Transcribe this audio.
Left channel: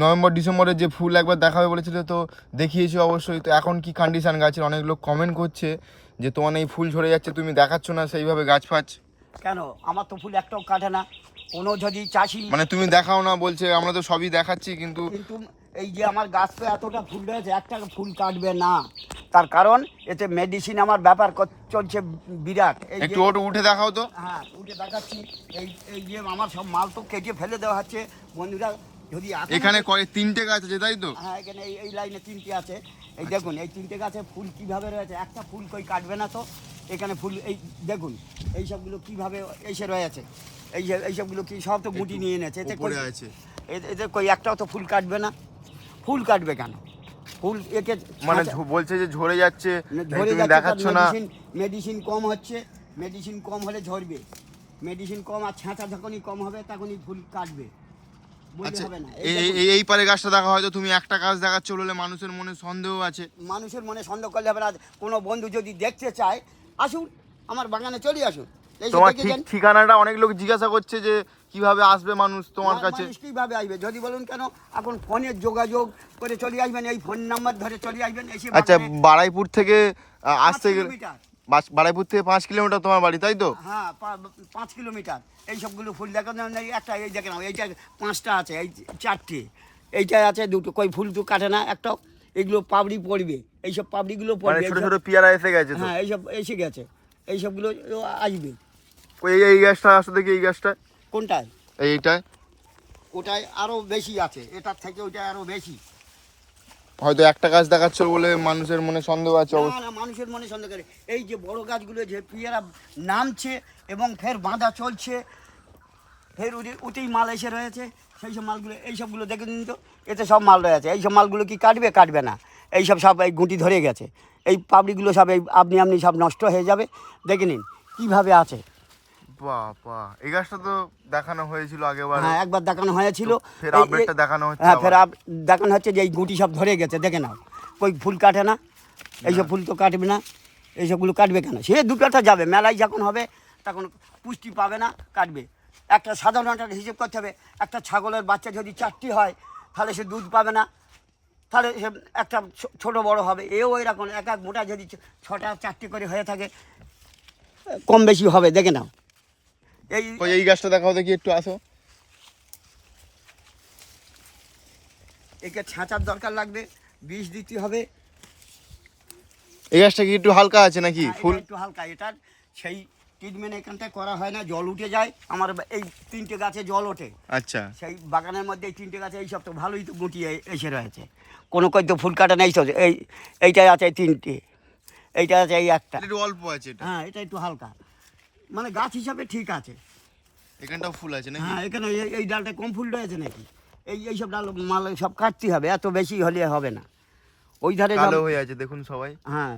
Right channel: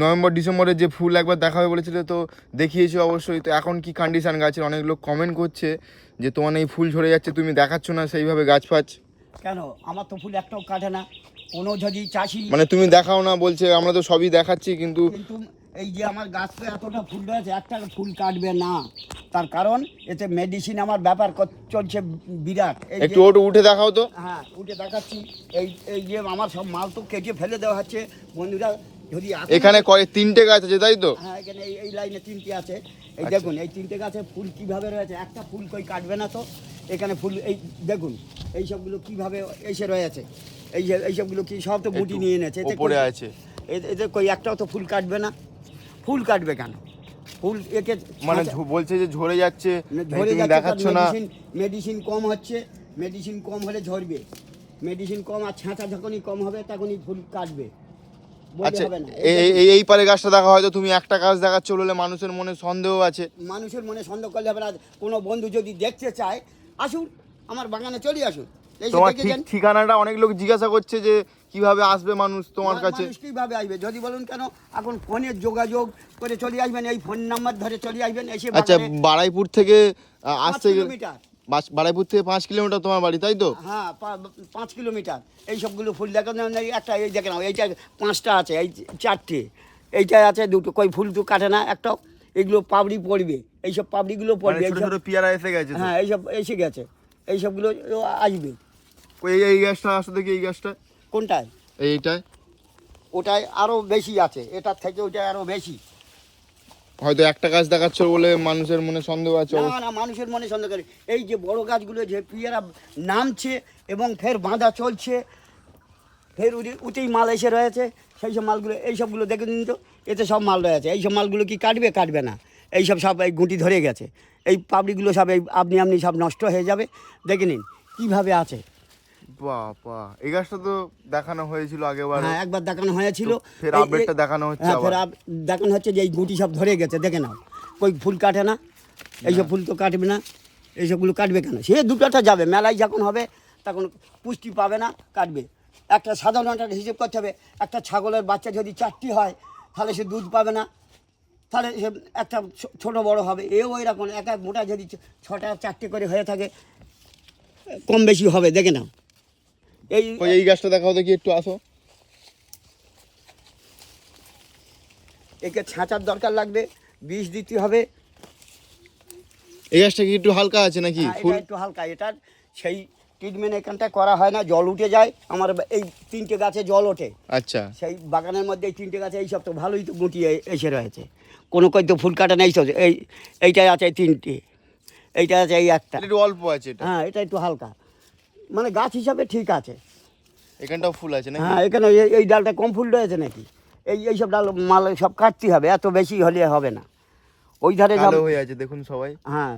November ডিসেম্বরে যে ফুল একবার দেখাবে বলেছিল, তো দেখিয়েছি অবশ্যই। তো এখন কি কন্ডিশন গাছের? অনেক লোক কমেন্ট করছে যে তোমার এই ফুল ঝরে যাচ্ছে, তুমি দেখাচ্ছ না সেইভাবে গাছ ফাছ। কেন আমার তো ফুল একটাও কাটে না। কোনো যদি চাষি মানে তুমি দেখাও না বলছে, আমরা তো সবই দেখাচ্ছি কিন্তু কিন্তু এই যে আমার গাছ তো এতটা ফুল রয়েছে, একটা ফুল কাটবে না। তার কারণ এতে মেডিসিন আমার ব্যাপার চলছে বিরাট। এই একটু ওটা উঠে দেখাও তো। হ্যাঁ উঠে দেখাচ্ছি। এই এই যে আমার সব মাল তো কেটে ফেলে দেওয়া হচ্ছে বন্ধুরা। যদি এখানে তিনটে গাছ আছে তাই তো? হ্যাঁ এখানে এই লাইনে তিনটে আছে। এই দেখুন এই তিনটে গাছে ফুল কিভাবে রয়েছে, একটা ফুল কই কাটবে না তো। এখানে ফুল এই দেখুন এই সবগুলো কিভাবে এসে রয়েছে। এই যে এই সবগুলো কি সব তো গুটি নিয়ে এনেছে, এতে উপরে আছে। এতে কই একটাও তো ফুল কাটবে না। ফুল কাটবে কেন? ফুল একে মানে বলছে যে ঝরে যাচ্ছে, ঝরে তুমি দেখাচ্ছ না। মেডিসিন কম হচ্ছে, মেডিসিন কম হলে ঝরবে। মেডিসিন কম আর ছাঁচা যখনই কম হবে তখনই ফুল কাটবে। আচ্ছা এই পারে গাছটা দেখা, হয়তো তুমি একটা গাছ দেখাচ্ছ বলে মানুষের মনে সন্দেহ আছে। মানুষের মনে সন্দেহ করলে হবে না। কোনো বন্ধু যদি দেখতে চায় আসুন, আমার বাগানে চলে আসুন। তোমার ঠিকানাটা অনেক লোক জিজ্ঞাসা করছে যে কিভাবে আসবে মানুষ তোমার কাছে। মানুষ কিভাবে আসবে যদি বলুন কেন, এখন ফোনে যোগাযোগ করে চলে আসবেন, এই ফোন নাম্বার ধরে চলে আসবেন। এসে আচ্ছা বারাইপুর থেকে আসতে গেলে কিলোমিটার, বারাইপুর থেকে 5 কিলোমিটার তোমার বাড়ি তাই তো? হ্যাঁ 5 কিলোমিটার। এই সবগুলো ফুল দেখানো একটা এই দেখে নাও, এইটা 5টা আছে, এই 4টে, এইটা আছে 2টো। কই ফুল তো কাটে না একটাও। এগুলো পাবড়ি পড়বে, এইসব পাবড়িগুলো পড়বে। ছোট ছোট পিয়ারা এসে গেছে। হ্যাঁ এইসব এসে গেছে, এই সবগুলো আসবে। এই গাছটা আসতে দেখি, এই গাছটা কোনটায়? এইটায় ওটায় আরও বেশি আছে, এটার থেকে ওইটায় আরও বেশি। হয়তো একটা গাছ দেখাচ্ছ বলে মানুষের মনে সন্দেহ আছে। না না, মানুষের মনে সন্দেহ করে। এই যে বড় গাছগুলো যে পিয়ারা নামছে এবং ফের বাঁধা চলছে, ফের উঠেই মাল এসে রয়েছে, সেই সব মালগুলো এই সবগুলো দেখে নিন তো, এতে সব মাল রয়েছে। এই সব মালগুলো কি কাটবে? কাটবে না। এই সব এই গুঁটি ধরে গেছে, এই পাপড়িগুলো সব এই আপনি সব নষ্ট হয়ে যাবে। দেখে নিন কীভাবে আছে। বাবা, এই গাছটা তো দেখানো হয়েছিল আগেবার। হ্যাঁ একবার দেখানো হয়েছিল, ফের আপডেটটা দেখানো হচ্ছে। হ্যাঁ ফের দেখানো হচ্ছে যে এই গুঁটি সব ধরে গেছে, দেখে নাও। কই ফুল কাটে না, এইসব ফুল তো কাটবে না। এইসবগুলো কাটবে কেন? সে দুটোটা যাবে, মেলায় যখন হবে তখন পুষ্টি পাবে না, কাটবে। একটা সাধারণ একটা হিসেব করতে হবে, একটা ছাগলের বাচ্চা যদি 4টি হয় তাহলে সে দুধ পাবে না, তাহলে সে একটা ছোট বড় হবে। এও এরকম এক এক মোটা যদি 6টা 4টে করে হয়ে থাকে, কম বেশি হবে, দেখে নাও। এই গাছটা দেখাও দেখি, একটু আসো। একে ছাঁচার দরকার লাগবে, বিষ দিতে হবে। এই গাছটা কি একটু হালকা আছে নাকি ফুল? একটু হালকা, এটার সেই ট্রিটমেন্ট এখানটায় করা হয় না, জল উঠে যায়। আমার এই 3টে গাছে জল ওঠে। আচ্ছা সেই বাগানের মধ্যে এই 3টে গাছে এই সব তো ভালোই তো গুটিয়ে এসে রয়েছে। কোনো কই তো ফুল কাটা নেই তো। এইটাই আছে 3টে, এইটা আছে এই একটা। একটু অল্প আছে এটা। হ্যাঁ এটা একটু হালকা, মানে গাছ হিসাবে ঠিক আছে। এখানটাও ফুল আছে নাকি? হ্যাঁ এখানে এই ডালটা কম ফুল রয়েছে নাকি? এই সব ডাল মাল সব কাটতে হবে, এত বেশি হলে হবে না। ওই ধারে কালো হয়ে আছে দেখুন সবাই। হ্যাঁ